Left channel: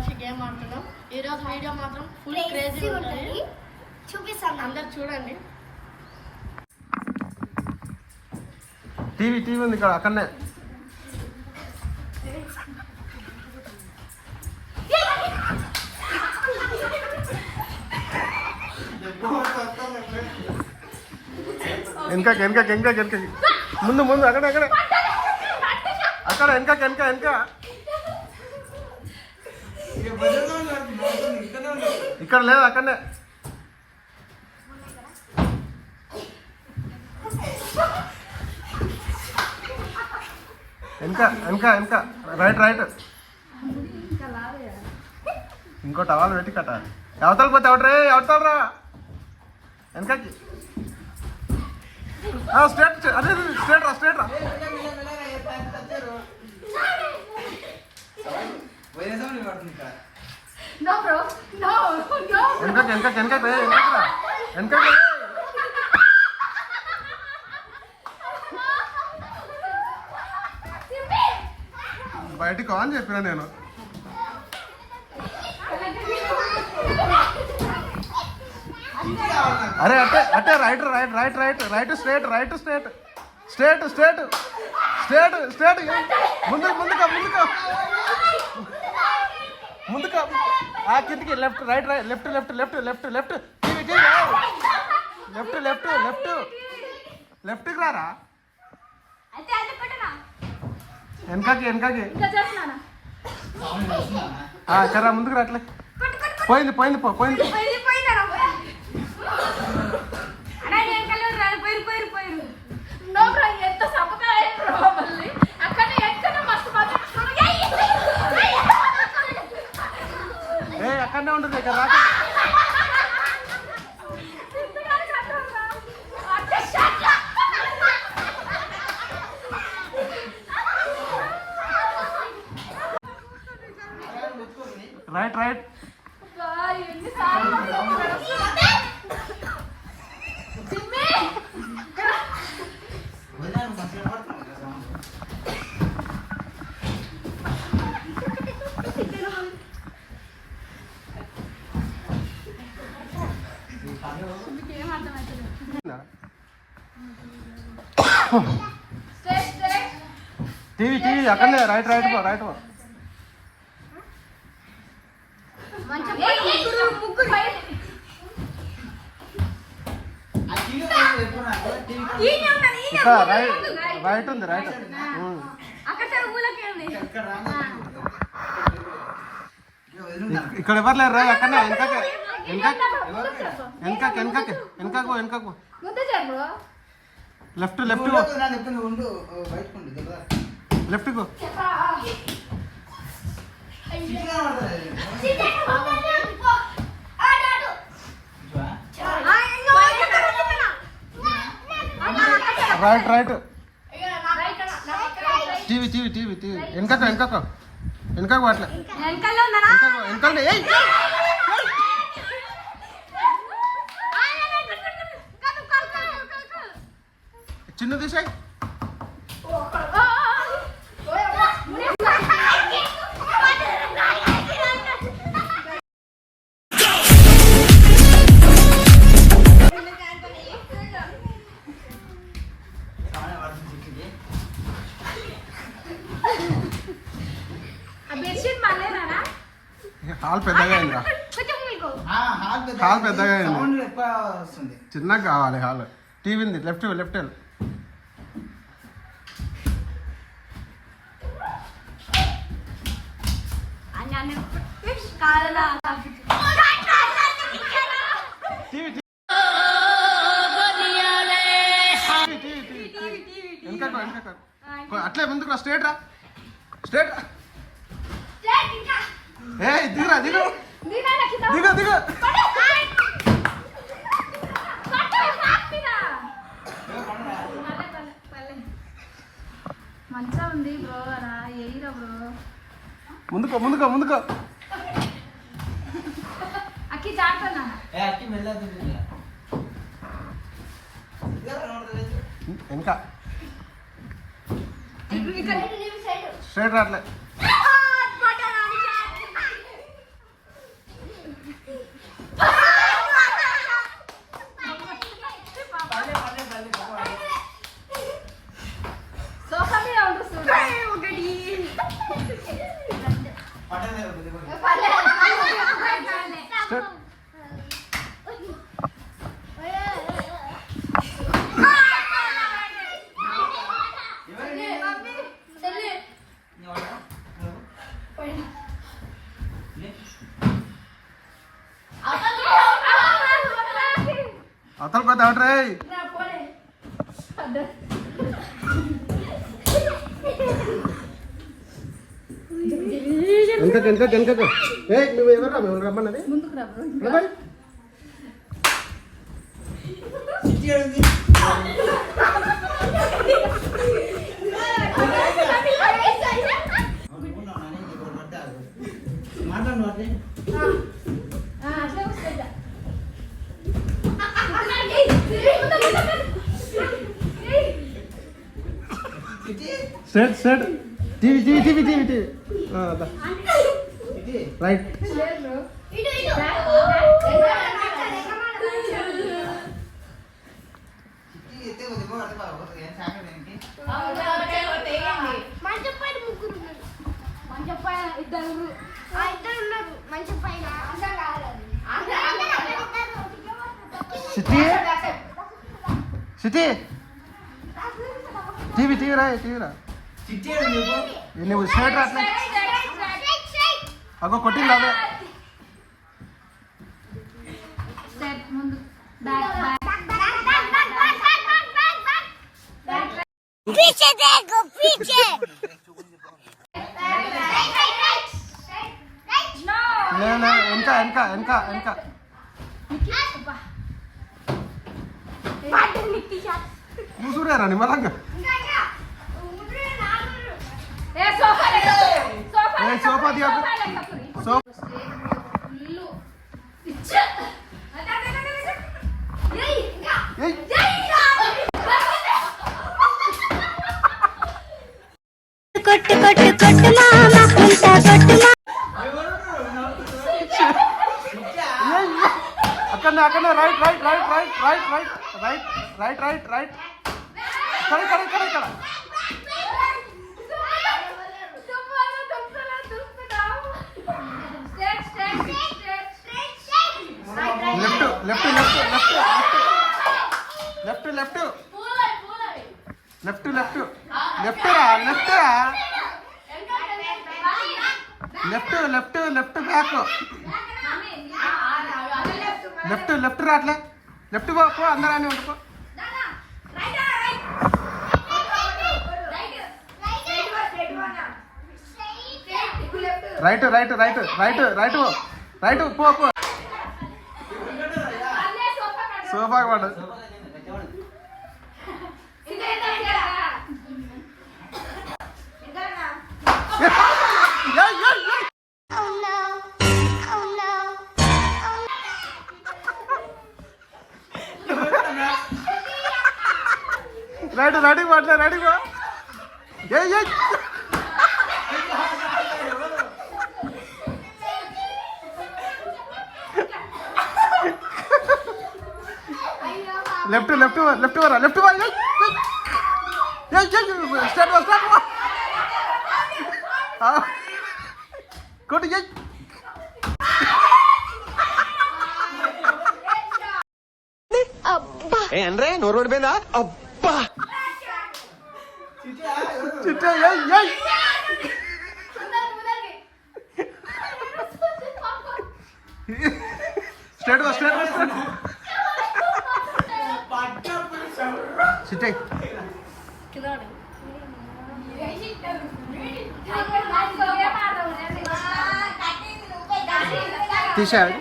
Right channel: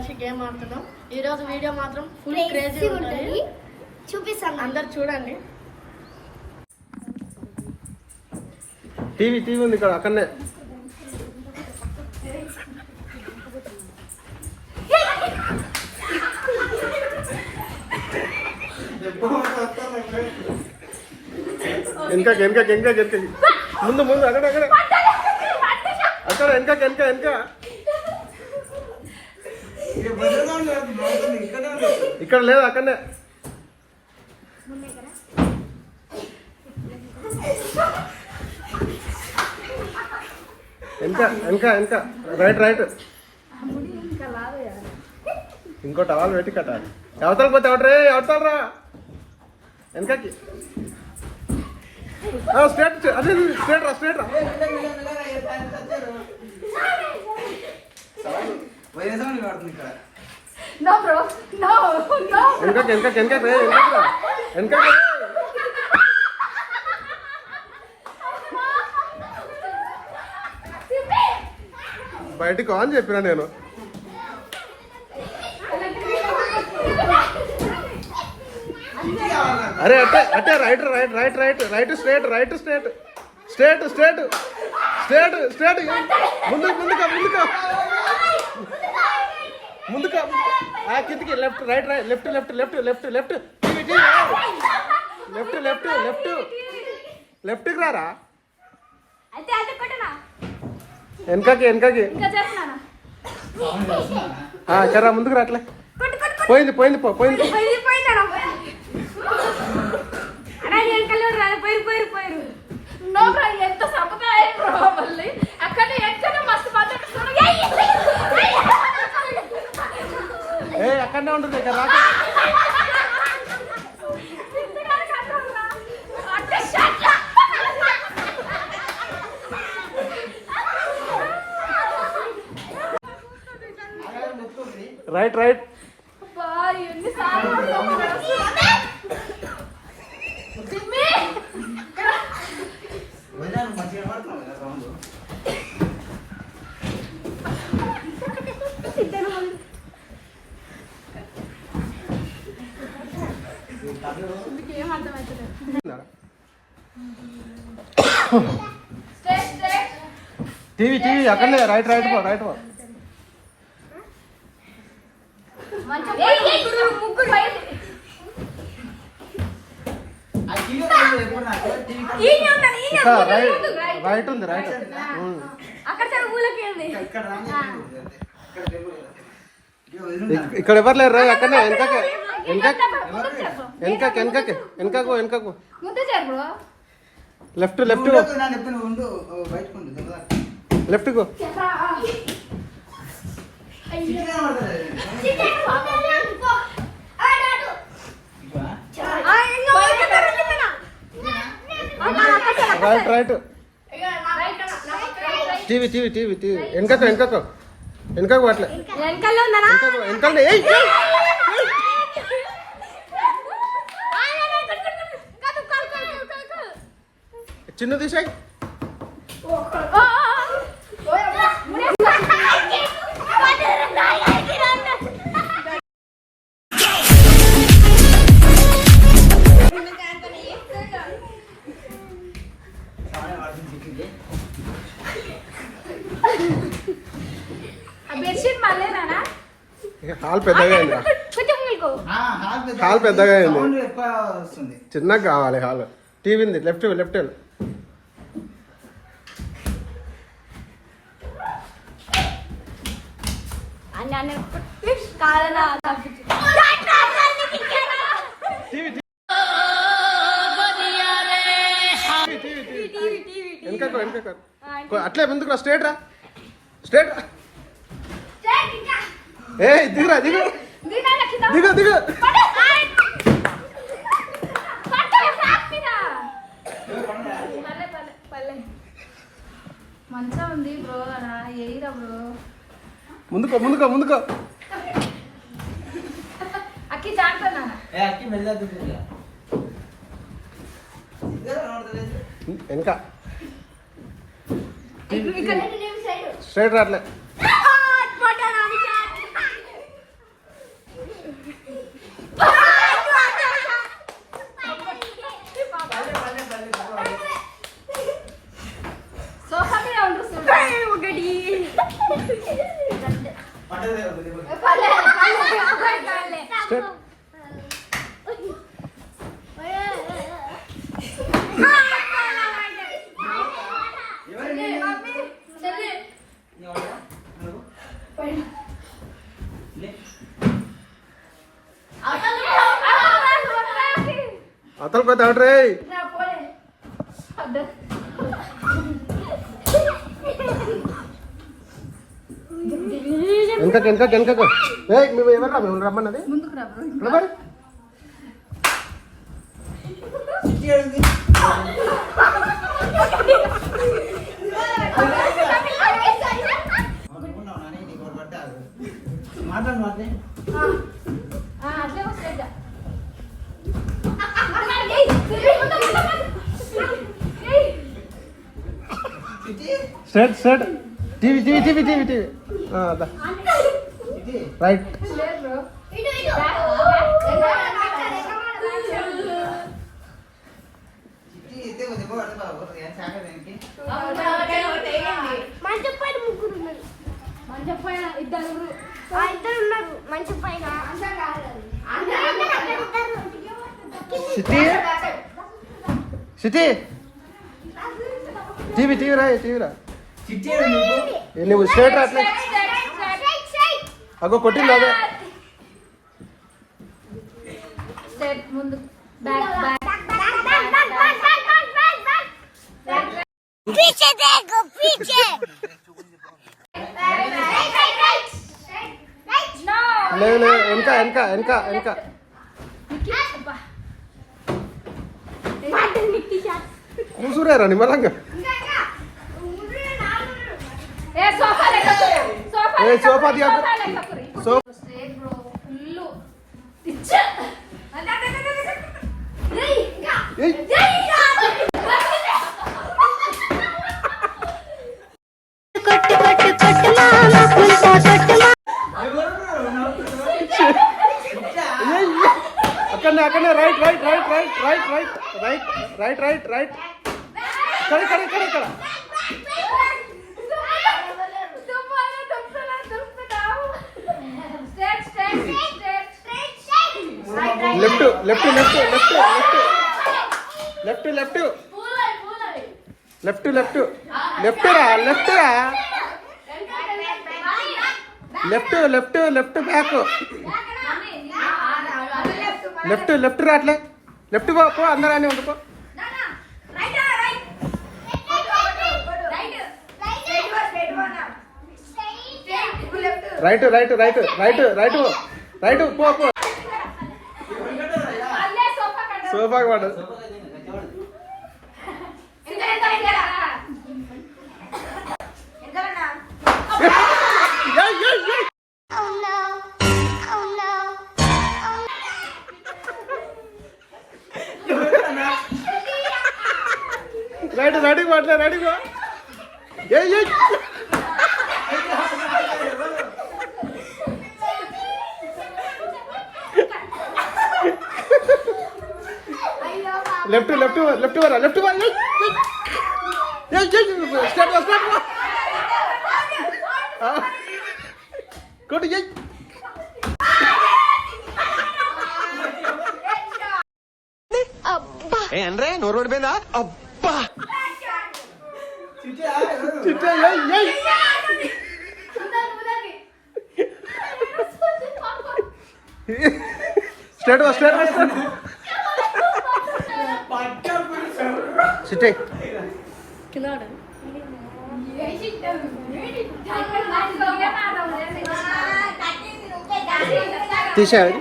కలిసి గేమ్ ఆడుతున్నాం. ఈరోజు వీడియో మాత్రం ఫుల్ క్రేజీ ఉంటుంది, చూపిస్తాను, అందరు చూడండి. టీవీ ఉంది ఇక్కడ అక్కడనే. వెనక ముందు అక్కడ వెనక ఇక్కడ లేదు అక్కడనే. వెనక రైట్ ఇంకో టవల్ పెట్టి కట్టాలి. అవతలకి పోతే అవతలరా వెనకకి. స్ట్రేట్ అదే స్ట్రేట్ రా. వెనక బయటికి ఆన్ చెప్పినా నేను. అరే అట్టే రైట్ స్ట్రేట్ ముందుకు కిందికి లెఫ్ట్కి రారా. వెనకకి కర్రా ముందుకు రాట్లే. పోయింది అక్కడనే ఉంటుంది ఇక్కడ రా. రైట్ టీవీ అక్కడనే రైట్ పో. ఇక్కడ రైట్ ఉంది. ఇక్కడ ఎవరు లేరు రా. అక్కడనే వెనకకు లెఫ్ట్ రైట్ టీవీ వెనకకు అట్లే వెనకాలనే. చిన్న తీసాయి. హాల్ పెద్దగా అయింది. చిన్నగా కావాలి హాల్. టీవీ ఉంది లెఫ్ట్ వెనక అట్లే ముందుకు రా. స్ట్రేట్ రా. దిగురా దిగు. ముందుకో వెనక స్ట్రైట్ రాట్లే. స్టార్ట్. అతలు కొత్త అవుట్ రే. వెనక మేము ఎవరు మేము రమ్మన్నది మరి. Straight TV right. City TV రా. నువ్వు స్ట్రైట్ రా అట్లా. అగో కొట్టింది అదే. లేదు వెనక కూసురేరా నిమ్మలంగా. సోఫా అక్కడనే రైట్. ఇక్కడ లెఫ్ట్ బ్యాక్. లెఫ్ట్ రాట్లే. లెఫ్ట్ పో అందరూ అని ఉండిపో. రైట్ పో. సోఫాకి పడ్డది. రెడీ పో. లెఫ్ట్ కొట్టు. అంటే నోరు ఓడిపోయిందా? అబ్బా స్ట్రైట్ సిటీ. తీసారు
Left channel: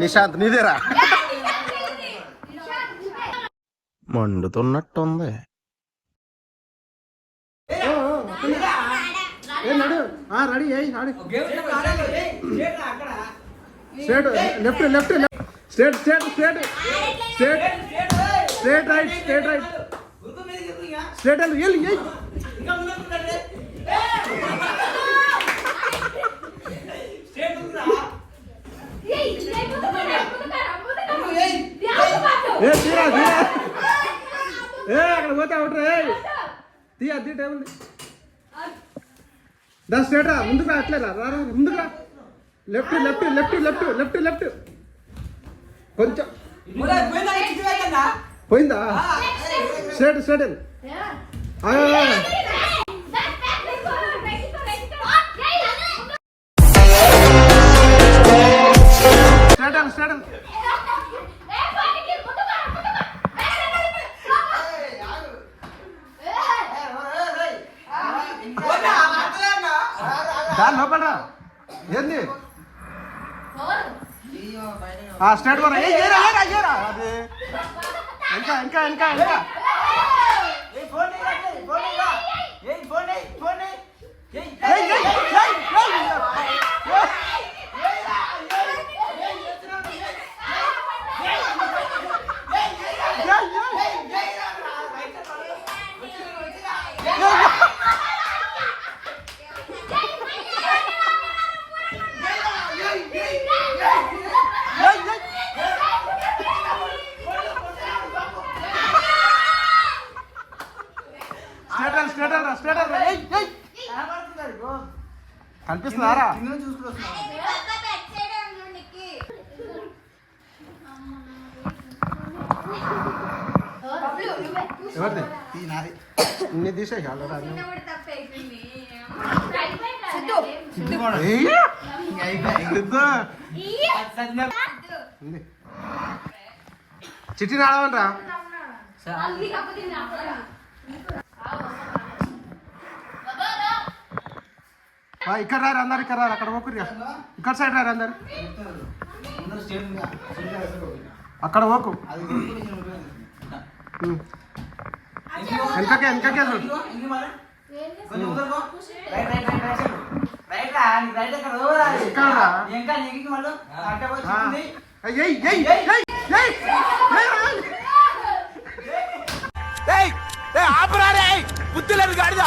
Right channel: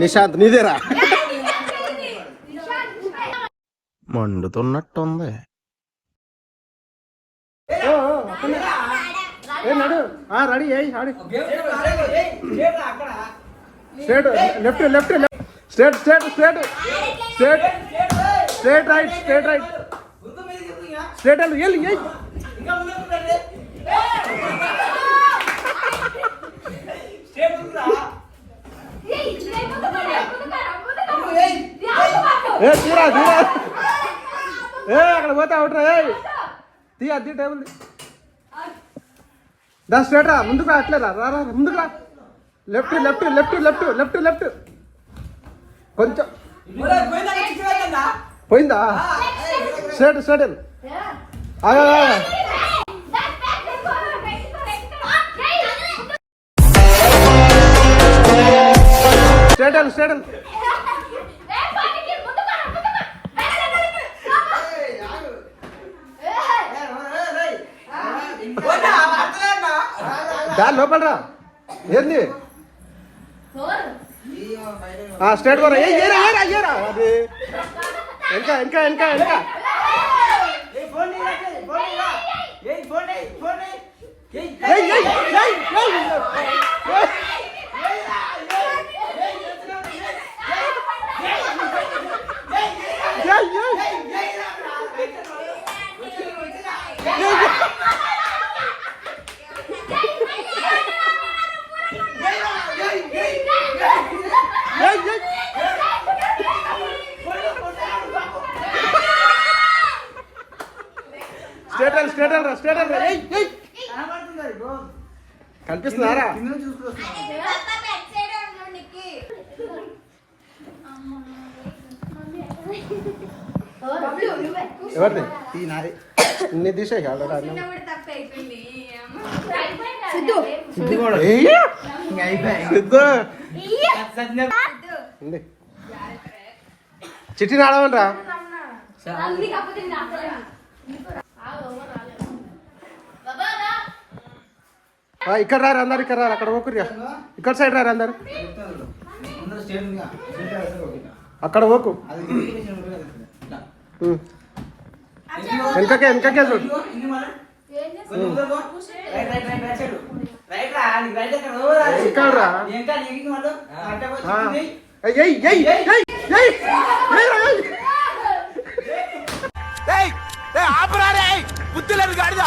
నిశాంత్ నీదేరా. మండుతున్నట్టుంది. నడు రెడీ అయ్యి ఆడి. లెఫ్ట్ స్ట్రైట్ రైట్ స్ట్రైట్ వెళ్ళి తీరా అక్కడ పోతే అవుట్రా. తీ టేబుల్ దా స్ట్రేట్ రా, ముందుకు రా, అట్లే రా, రా రా, ముందుకు రా. Left left left left left left కొంచెం పోయిందా? స్ట్రేట్ స్ట్రేట్ స్ట్రేట్ స్ట్రేట్ దాని లోపల రా. ఏంది స్ట్రేట్ కూడా ఏరా ఏరా ఏరా అది వెనక వెనక వెనక వెనక స్ట్రేట్ రా స్ట్రేట్ రా. కనిపిస్తున్నారా? ఎవరిది? ఇన్ని తీసేయి చిట్టి ఆడమంటరా. ఇక్కడ రారు అందరు, ఇక్కడ రారు, అక్కడ పోకుర్రా, ఇక్కడ సైడ్ రారు అందరు, అక్కడ పోకు. వెనకకే వెనకకే చూడు. ఇక్కడ రా. ఆపరా బుద్ధి లేదు గాడిద.